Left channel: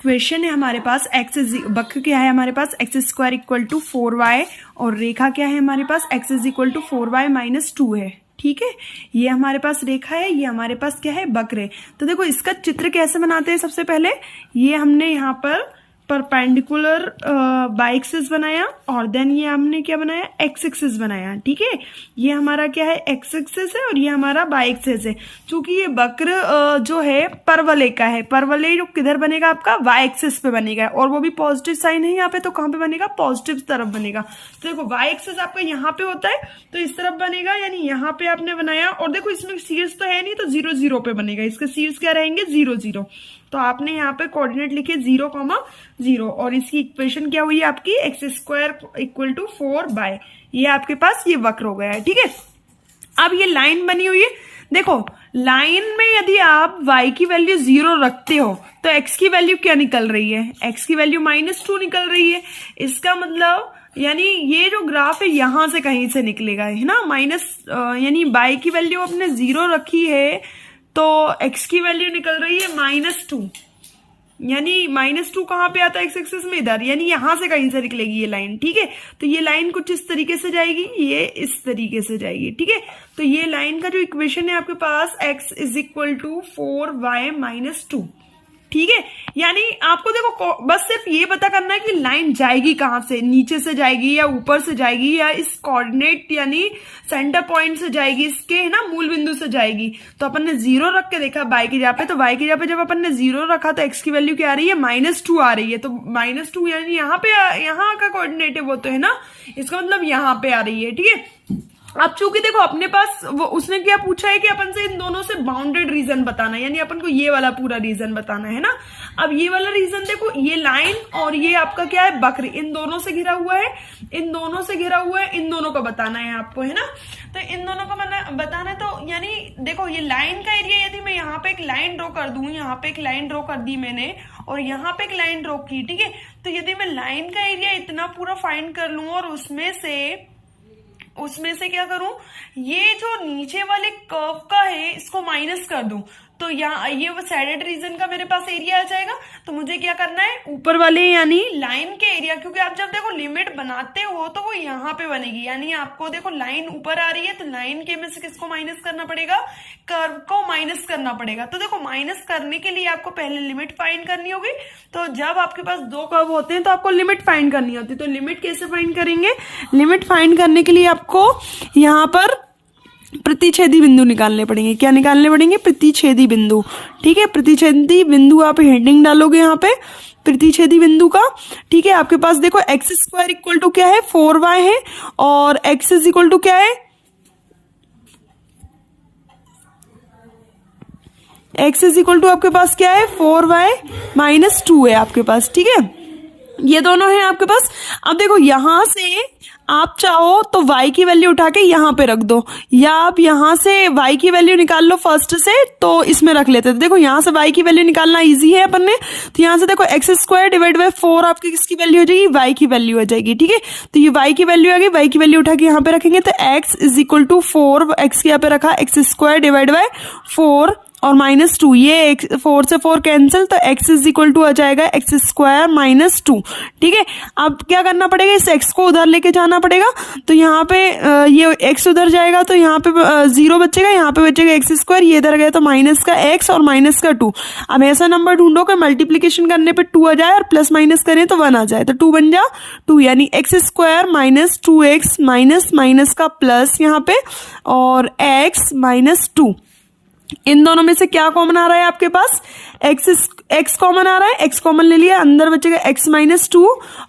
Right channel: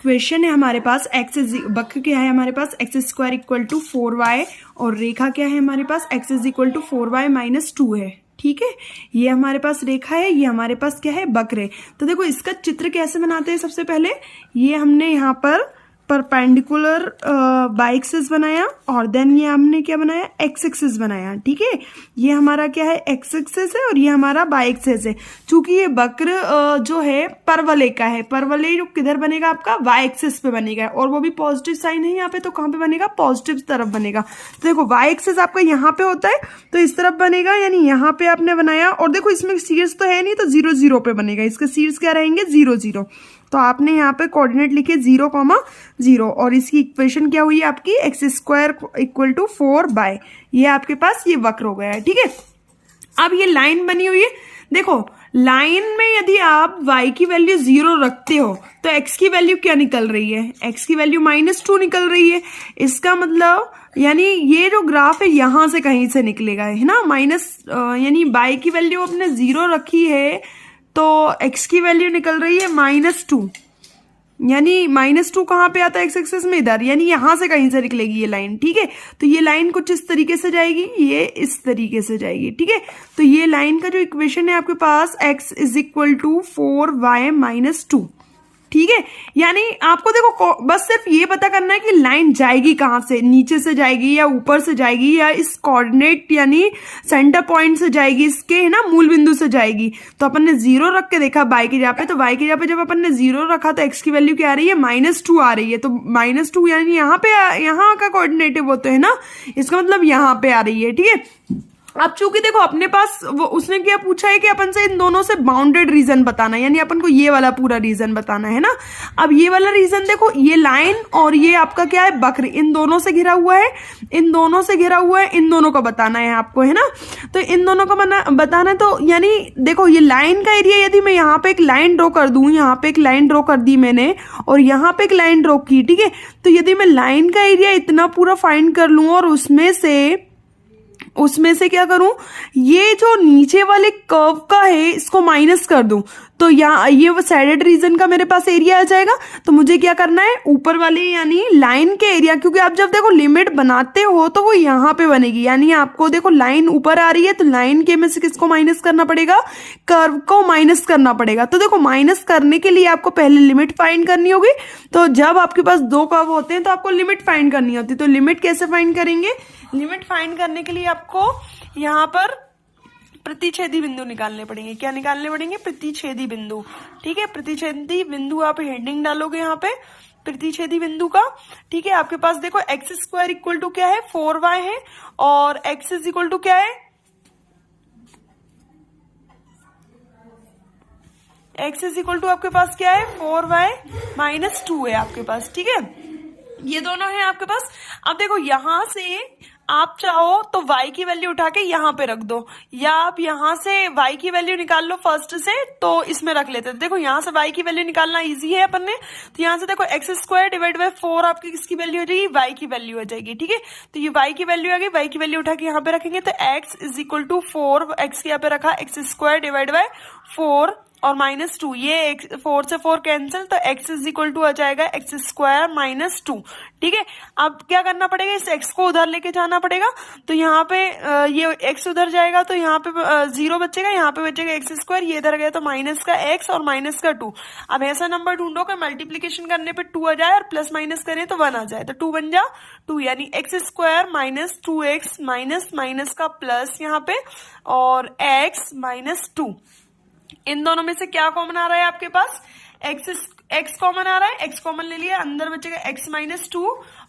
Question है हमारे पास वक्र क्या है हमारे पास x² इक्वल टू 4y और रेखा क्या है हमारे पास x is equal to 4y minus 2 है। ठीक है, ये हमारे पास रेखा है, ये हमारे पास क्या है वक्र है। तो देखो इसका चित्र कैसे बनाते हैं। सबसे पहले ये हमने यहाँ पर परपेंडिकुलर बाई एक्सिस बनाया और देन ये हमने क्या बनाया एक्स एक्सिस बनाया। ठीक है, ये हमारा क्या है एक्स एक्सिस है और ये हमारा बाई एक्सिस है। चूंकि ये वक्र जो है परवलय का है, परवलय जो किधर बनेगा आपका वाई एक्सिस पे बनेगा और वो भी पॉजिटिव साइन है यहाँ पे, तो कहाँ पे बनेगा पॉजिटिव तरफ बनेगा। तो देखो वाई एक्सिस आपका यहाँ पे होता है तो इस तरफ बनेगा, यानी यहाँ पे आपने बनाया और देखो इसमें शीर्ष तो है नहीं तो 0 0 पे बनेगा, इसके शीर्ष क्या रहेंगे 0 0। तो आपने यहाँ पे कोऑर्डिनेट लिखे 0,0 और इसकी इक्वेशन क्या हुई आपकी x² इक्वल टू 4y। ये आपके पास ये वक्र हो गया है। ठीक है, अब ये लाइन बनी हुई है। देखो लाइन में यदि आप y की वैल्यू 0 रखते हो तो x की वैल्यू क्या निकल रही है, x की वैल्यू -2 निकल रही है। इसका मतलब यानी ये जो ग्राफ है यहां से कहीं से निकलेगा, है ना। यानी y की वैल्यू आपने 0 रखी है तो x की वैल्यू निकल रही है -2, यानी -2 कहाँ पे आता है एक्स एक्सिस में इधर, यानी यहां से कहीं से निकलेगी ये लाइन। ठीक है, तो ये लाइन कुछ इस तरीके से जाएगी, ये इस तरीके से जाएगी। ठीक है, तो ये लाइन का जो इक्वेशन है आपके पास x is equal to 4y minus 2। ठीक है, यानी आपको देखो बस सिर्फ ये पता करना है कि लाइन जाएगी कहाँ से, नीचे से जाएगी या ऊपर से जाएगी या इस कोऑर्डिनेट यानी सेंटर पॉइंट से जाएगी, इसके है ना मूल बिंदु से जाएगी। तो अपन ने 0 रख के देखा y की जगह पे, तो y की जगह पे जब अपन ने 0 रखा तो x की वैल्यू क्या आ रही है -2 आ रही है। तो -2 यानी यहाँ पे यहाँ का कोऑर्डिनेट है वो तो है ना, इसका मतलब यहाँ पे आ रही है। ठीक है, अब चूंकि देखो अपने पास वो उसने क्या पूछा है कि अपन से इन दोनों से बाउंडेड रीजन बताना है, यानी अपन को ये वाला पूरा रीजन बताना है ना। अब ये वाला रीजन देखो, ये लाइन और ये आपका क्या है वक्र, इन दोनों से घिरा हुआ है, इन दोनों से घिरा हुआ है, इन दोनों को बताना है आपको, है ना। तो इन दोनों को बताना है। तो यानी देखो ये लाइन का एरिया, यदि मैं यहाँ पे एक लाइन ड्रॉ कर दूं, यहाँ पे एक लाइन ड्रॉ कर दी मैंने और यहाँ पे एक लाइन ड्रॉ की। ठीक है, तो यदि मैं लाइन का एरिया इतना पूरा फाइंड कर लूं और उसमें से क्या करूं, ये जो नीचे वाले कर्व का है इसको माइनस कर दूं, तो यहाँ ये वो साइडेड रीजन का मेरे पास एरिया आ जाएगा। तो मुझे क्या करना है ऊपर वाले यानी लाइन के एरिया, क्योंकि आप जब देखो लिमिट बनाते हो तो वो यहाँ पे बनेगी, यानी आपको देखो लाइन ऊपर आ रही है तो लाइन के में से किसको माइनस करना पड़ेगा, कर्व को माइनस करना पड़ेगा। तो देखो माइनस करने के लिए आपको पहले लिमिट फाइंड करनी होगी। तो जब आपके पास 2 कर्व होते हैं तो आपको लिमिट फाइंड करनी होती है। तो लिमिट कैसे फाइंड करेंगे, लिमिट फाइंड करने के लिए आपको यहाँ पर प्रतिच्छेदी बिंदु निकालने पड़ेंगे। क्या निकालने पड़ेंगे, प्रतिच्छेदी बिंदु। ठीक है, प्रतिच्छेदी बिंदु आप हेडिंग डालोगे यहाँ पे प्रतिच्छेदी बिंदु का। ठीक है, आपके पास देखो x² इक्वल टू क्या है 4y है और x इज इक्वल टू क्या है, x इज इक्वल टू आपके पास क्या है 4y माइनस 2 है आपके पास। ठीक है, ये दोनों है आपके पास। अब देखो यहां से आप चाहो तो y की वैल्यू उठा के यहाँ पे रख दो, या आप यहाँ से y की वैल्यू निकाल लो फर्स्ट से तो इसमें रख लेते हैं। देखो यहाँ से y की वैल्यू निकालना इजी है अपन ने, तो यहाँ से देखो x² डिवाइड बाय 4 आपकी किसकी वैल्यू हो जाएगी, y की वैल्यू हो जाएगी। ठीक है, तो ये y की वैल्यू आ गई, y की वैल्यू उठा के यहाँ पे रखेंगे तो x is equal to 4, x यहाँ पे रखा x² डिवाइड बाय 4 और -2, ये 4 से 4 कैंसिल, तो x इज इक्वल टू आ जाएगा x² माइनस 2। ठीक है, अब क्या करना पड़ेगा, इस x को उधर लेके जाना पड़ेगा। तो यहाँ पे ये x उधर जाएगा तो यहाँ पे 0 बचेगा, यहाँ पे बचेगा x², ये इधर गया तो माइनस का x और माइनस का 2। अब ऐसा नंबर ढूंढो कि मल्टीप्लीकेशन करने पे 2 आ जाए और प्लस माइनस करें तो 1 आ जाए, तो 2 बन जा 2, यानी x² minus 2x minus minus का प्लस यहाँ पे और x माइनस 2। इन दोनों में से क्या कॉमन आ रहा है आपके पास, x कॉमन आ रहा है, x कॉमन ले लिया, अंदर बचेगा x माइनस 2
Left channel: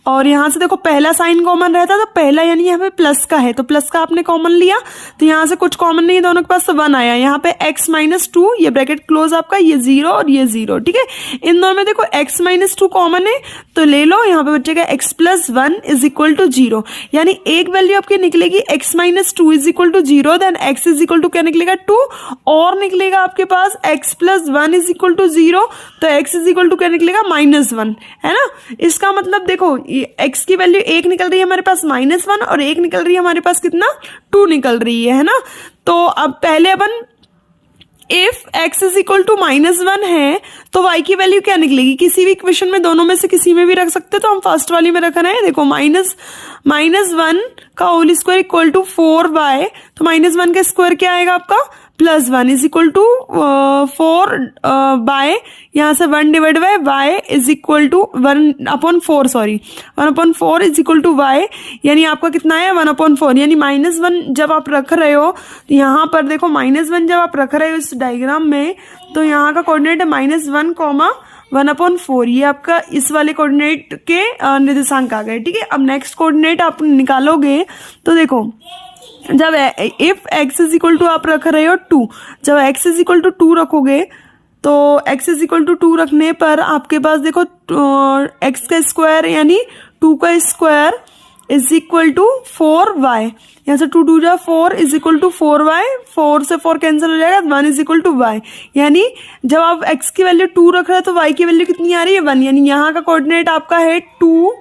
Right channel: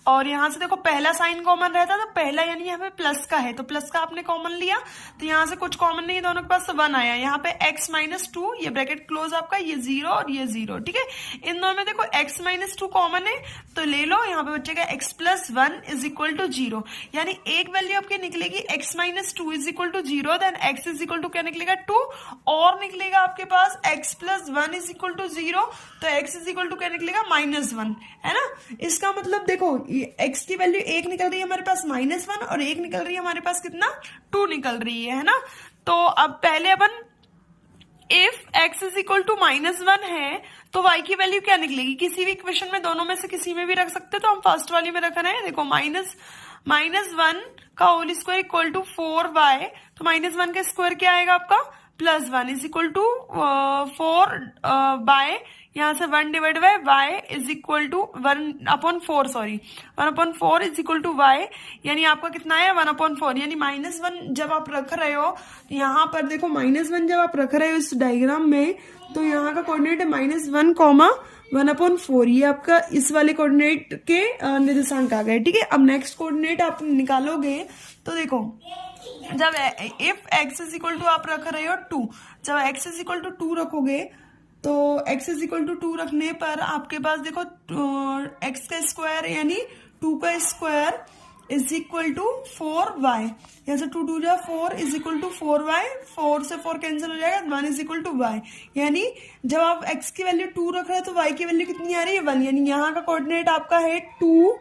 और यहाँ से देखो पहला साइन कॉमन रहता तो पहला यानी यहाँ पे प्लस का है तो प्लस का आपने कॉमन लिया, तो यहाँ से कुछ कॉमन नहीं, दोनों के पास तो 1 आया। यहाँ पे x माइनस 2, ये ब्रैकेट क्लोज आपका, ये 0 और ये 0। ठीक है, इन दोनों में देखो x माइनस 2 कॉमन है तो ले लो, यहाँ पे बचेगा x plus 1 is equal to 0, यानी एक वैल्यू आपकी निकलेगी x minus 2 is equal to 0, then x is equal to क्या निकलेगा 2 और निकलेगा आपके पास x plus 1 is equal to 0, तो x इज इक्वल टू क्या निकलेगा -1, है ना। इसका मतलब देखो x की वैल्यू 1 निकल रही है हमारे पास -1 और 1 निकल रही है हमारे पास कितना 2 निकल रही है ना। तो अब पहले अपन if x is equal to -1 है तो y की वैल्यू क्या निकलेगी? किसी भी इक्वेशन में दोनों में से किसी में भी रख सकते हैं, तो हम फर्स्ट वाली में रख रहे हैं। देखो -1 का whole square equal to 4y, तो -1 का स्क्वायर क्या आएगा आपका? +1 इज इक्वल टू 4 बाय यहाँ से 1 divide by y is equal to 1/4, sorry 1/4 is equal to y, यानी आपका कितना है 1/4, यानी -1 जब आप रख रहे हो यहाँ पर देखो, -1 जब आप रख रहे हो इस डायग्राम में, तो यहाँ का कोऑर्डिनेट है -1, 1/4, ये आपका इस वाले कोऑर्डिनेट के निर्देशांक आ गए। ठीक है, अब नेक्स्ट कोऑर्डिनेट आप निकालोगे तो देखो, जब if x is equal to आप रख रहे हो 2, जब x इज इक्वल टू 2 रखोगे तो x इज इक्वल टू 2 रखने पर आपके पास देखो x का स्क्वायर यानी 2 का square is equal to 4y, यहाँ से 2 2 जा 4 इज इक्वल टू 4y, 4 से 4 कैंसिल हो जाएगा, 1 इज इक्वल टू y, यानी जब आप x की वैल्यू 2 रख रहे हो तो y की वैल्यू कितनी आ रही है 1, यानी यहाँ का कोऑर्डिनेट आपका है 2,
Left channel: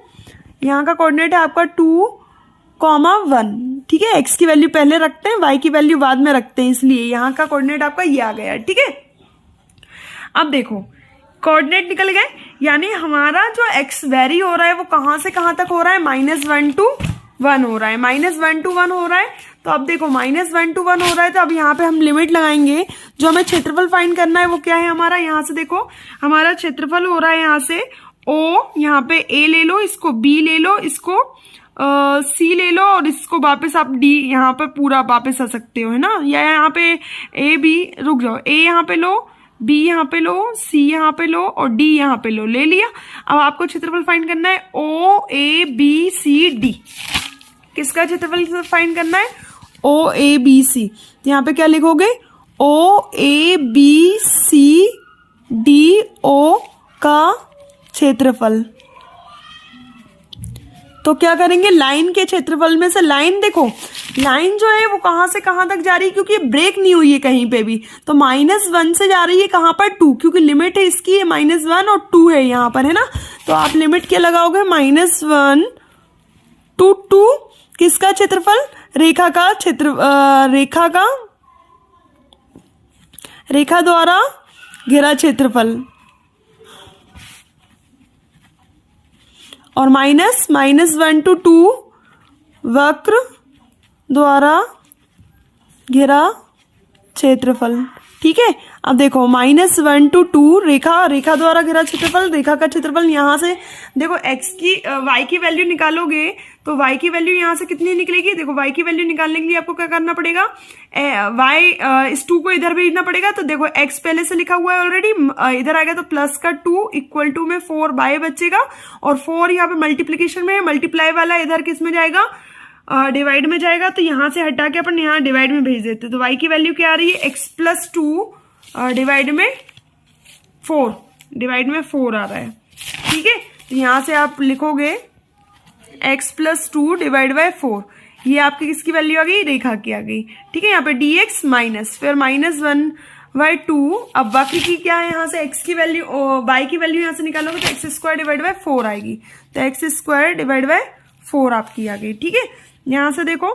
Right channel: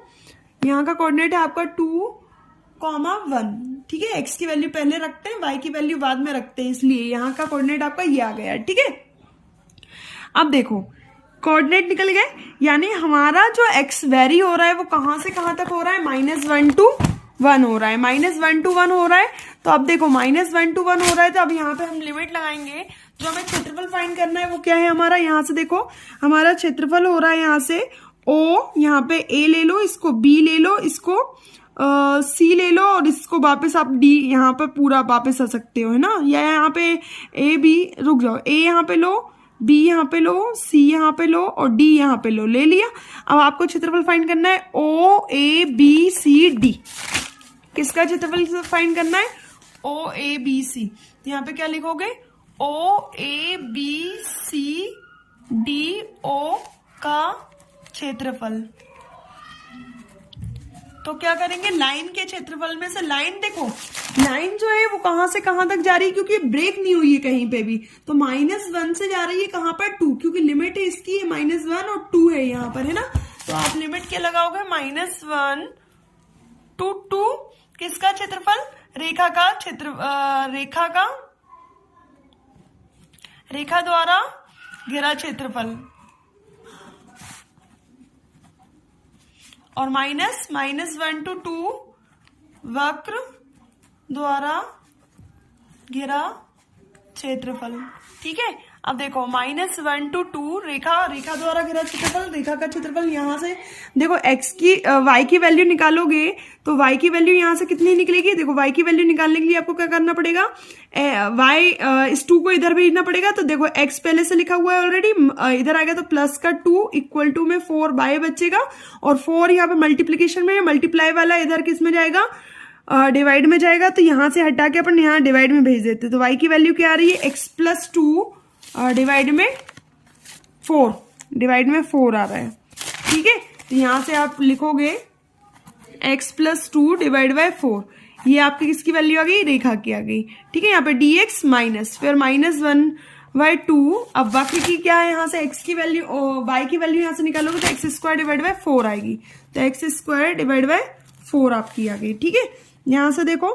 यहाँ का कोऑर्डिनेट है आपका 2,1। ठीक है, x की वैल्यू पहले रखते हैं, y की वैल्यू बाद में रखते हैं, इसलिए यहाँ का कोऑर्डिनेट आपका ये आ गया। ठीक है, अब देखो कोऑर्डिनेट निकल गए, यानी हमारा जो x वेरी हो रहा है वो कहाँ से कहाँ तक हो रहा है? -1 to 1 हो रहा है, -1 to 1 हो रहा है। तो अब देखो -1 to 1 हो रहा है, तो अब यहाँ पे हम लिमिट लगाएंगे। जो हमें क्षेत्रफल फाइंड करना है वो क्या है हमारा? यहाँ से देखो हमारा क्षेत्रफल हो रहा है यहाँ से O, यहाँ पे A ले लो, इसको B ले लो, इसको C ले लो, और इसको वापस आप D यहाँ पे पूरा वापस आ सकते हो, है ना, या यहाँ पे A B, रुक जाओ, A यहाँ पे लो, B यहाँ पे लो, C यहाँ पे लो और D यहाँ पे लो, ले लिया। अब आपको क्षेत्रफल फाइंड करना है O A B C D। किसका क्षेत्रफल फाइंड करना है? O A B C। यहाँ पे क्या लिखोगे? O A B C D O का क्षेत्रफल। तो क्या करेंगे? लाइन के क्षेत्रफल में से, लाइन देखो, लाइन जो है वो कहां से कहां तक जा रही है, क्योंकि ब्रेक नहीं हुई है कहीं पे भी, तो -1 से जा रही है कहां पर? 2, क्योंकि लिमिट है इसकी -1 और 2 है यहाँ पर, है ना। तो आप लिमिट क्या लगाओगे? -1 to 2। किसका क्षेत्रफल? रेखा का रेखा द्वारा घेरा क्षेत्रफल, और -1 to 2 वक्र द्वारा घेरा क्षेत्रफल। ठीक है, अब देखो -1 to 2 रेखा द्वारा घेरा क्षेत्रफल, रेखा का क्षेत्रफल। यहाँ से देखो y की वैल्यू निकालोगे तो y की वैल्यू यहाँ से कितनी निकलेगी? देखो y की वैल्यू निकालने के लिए आपको क्या करना पड़ेगा? इस 2 को इधर भेजना पड़ेगा, तो देखो x पहले से लिखा हुआ है ऑलरेडी, इधर आएगा तो प्लस का 2 इक्वल टू में 4y बचेगा, और 4 यहाँ पे मल्टीप्लीकेशन में है, मल्टीप्लाई वाला इधर किस में जाएगा? डिवाइड में जाएगा, तो यहाँ से हटा के अपन यहाँ डिवाइड में भेज देते। तो y की वैल्यू क्या आ रही है? x + 2 डिवाइड में 4 आ रहा है। ठीक है, तो यहाँ से आप लिखोगे x + 2 डिवाइड बाय 4, ये आपकी किसकी वैल्यू आ गई? रेखा की आ गई। ठीक है, यहाँ पे dx माइनस, फिर -1/2। अब वक्र की क्या है? यहाँ से x की वैल्यू, y की वैल्यू यहाँ से निकालोगे तो x² डिवाइड बाय 4 आएगी, तो x² डिवाइड बाय 4 आपकी आ गई। ठीक है, यहाँ से देखो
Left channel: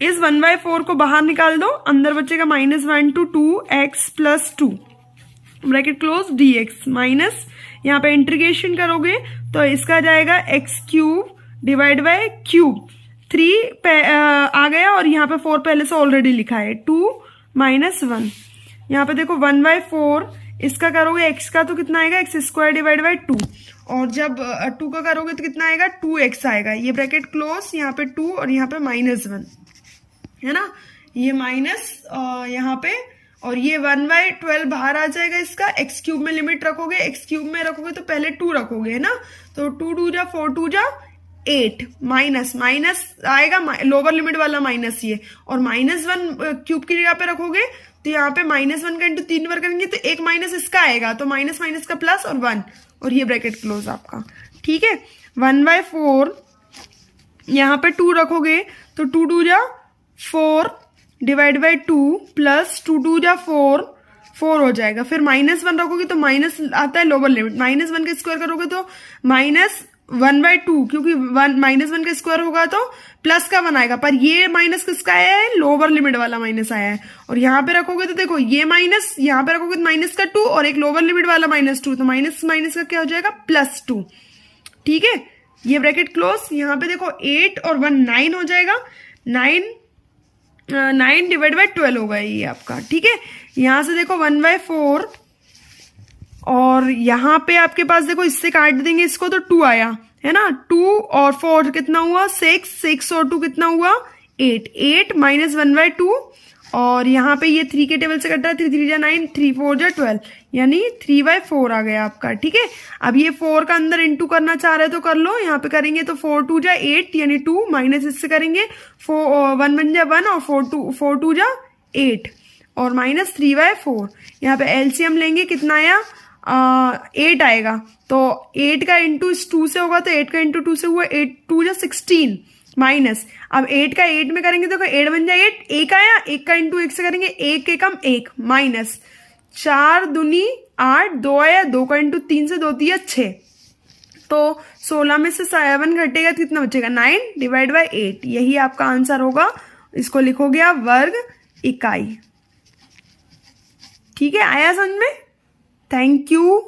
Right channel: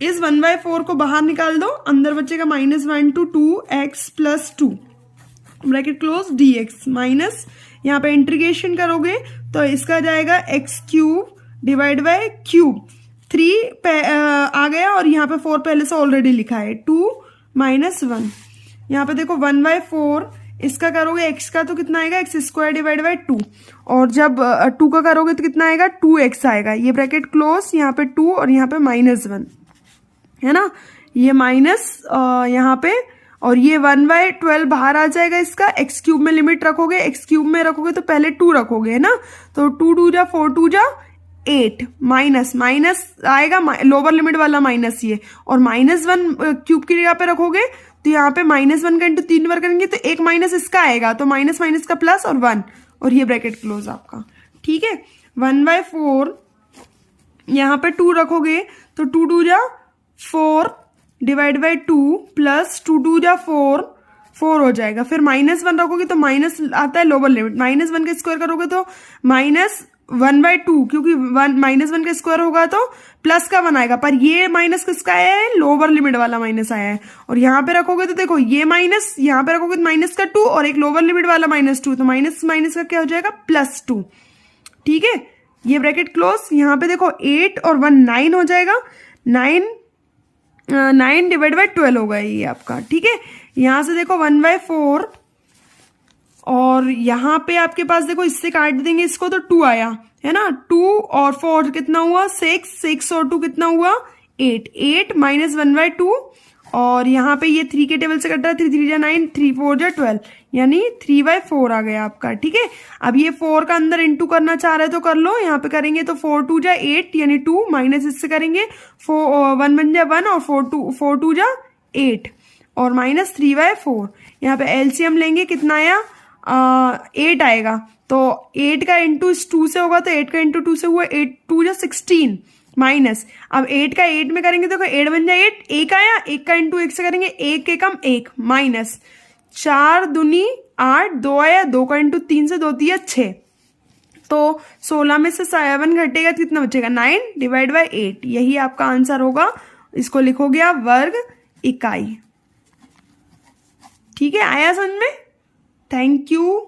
इस 1/4 को बाहर निकाल दो, अंदर बचेगा -1 to 2x + 2 bracket close dx minus, यहाँ पे इंटीग्रेशन करोगे तो इसका जाएगा x³ डिवाइड बाय क्यूब, 3 आ गया, और यहाँ पे 4 पहले से ऑलरेडी लिखा है, 2 - 1। यहाँ पे देखो 1/4 इसका करोगे x का तो कितना आएगा? x² डिवाइड बाय 2, और जब 2 का करोगे तो कितना आएगा? 2x आएगा, ये ब्रैकेट क्लोज, यहाँ पे 2 और यहाँ पे -1, है ना, ये माइनस यहाँ पे, और ये 1/12 बाहर आ जाएगा इसका। x³ में लिमिट रखोगे, x³ में रखोगे तो पहले 2 रखोगे, है ना, तो 2 2 जा 4 2 जा 8, माइनस आएगा, लोअर लिमिट वाला माइनस ये, और -1 क्यूब की जगह पे रखोगे तो यहाँ पे -1 का इंटू 3 बार करेंगे तो एक माइनस इसका आएगा, तो माइनस का प्लस और 1, और ये ब्रैकेट क्लोज आपका। ठीक है, 1/4 यहाँ पे 2 रखोगे तो 2 2 जा 4 डिवाइड बाई 2 प्लस 2 2 जा 4 हो जाएगा। फिर -1 रखोगे तो माइनस आता है लोअर लिमिट, -1 का स्क्वायर करोगे तो 1/2, क्योंकि 1 का स्क्वायर होगा तो प्लस का 1 आएगा, पर ये माइनस किसका आया है, लोअर लिमिट वाला माइनस आया है। और यहाँ पे रखोगे तो देखो ये माइनस, यहाँ पे रखोगे तो माइनस का 2 और एक लोअर लिमिट वाला -2, तो माइनस माइनस का क्या हो जाएगा, +2। ठीक है, ये ब्रैकेट क्लोज। यहाँ पे देखो 8 और 1 9 हो जाएगा, 9 डिवाइड बाई 12 होगा ये आपका। ठीक है, यहाँ से देखो 1/4 और यहाँ पे आपके पास देखो इससे काट देंगे इसको तो 2 आया है ना, 2 और 4 कितना हुआ 6, 6 और 2 कितना हुआ 8, 8 माइनस 1/2 और यहाँ पे ये 3 के टेबल से कट रहा है, 3 3 जा 9, 3 4 जा 12, यानी 3/4 आ गया आपका। ठीक है, अब ये 4 का अंदर इंटू करना चाह रहे तो कर लो, यहाँ पे करेंगे तो 4 2 जा 8 यानी 2 माइनस इससे करेंगे 1 1 जा 1 और 4 2 जा 8 और माइनस 3/4। यहाँ पे एलसीएम लेंगे, कितना आया 8 आएगा, तो 8 का इंटू इस 2 से होगा तो 8 का इंटू 2 से हुआ 8 2 जा 16 माइनस, अब 8 का 8 में करेंगे देखो 8 बन जाए 8, 1 आया, 1 का इंटू 1 से करेंगे 1 एकम 1 माइनस 4 दूनी 8, 2 आया, 2 का इंटू 3 से 2 दिया 6, तो 16 में से 7 घटेगा तो कितना बचेगा 9 डिवाइड बाई 8, यही आपका आंसर होगा। इसको लिखोगे आप वर्ग इकाई। ठीक है, आया समझ में? Thank you.